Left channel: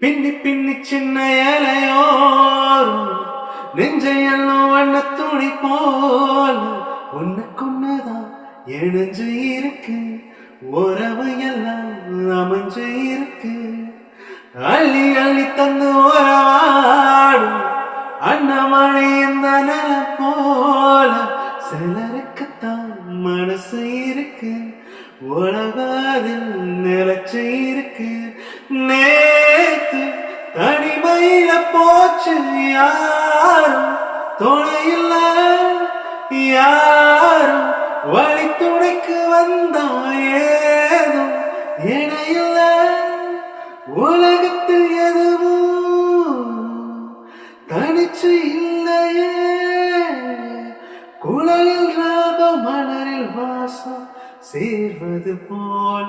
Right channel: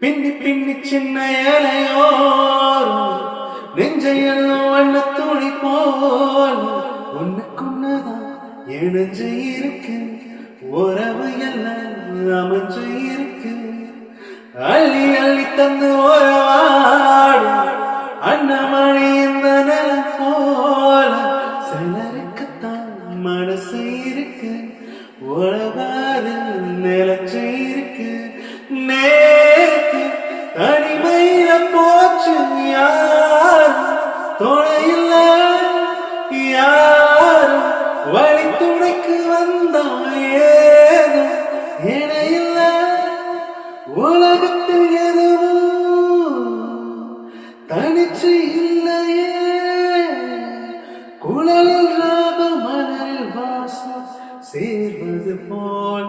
பின்னி பின்னி சின்ன இலையோரும் நெஞ்சையெல்லாம் வண்ண துணி போல ஒண்ணுக்குன்னதான் இணைஞ்சு இருக்கு. உறவு எல்லாம் அமைஞ்சு இருக்கு. அள்ளி அள்ளி தந்து உறவாடும் அண்ணமணி இந்த நிலம் போல சிலருக்குத்தான் மனசு இருக்கு. உறவாதில் நிலச்சு இருக்கு. நேத்து தனிமையில போச்சு யாரும் துணையில்ல, யாரும் வழி துணைக்கு வந்தா ஏதும் இணையில்ல. உலகத்தில் எதுவும் தனிச்சு இல்லையே. குழலில் ராக மலரில் வாசம் சேர்வது போல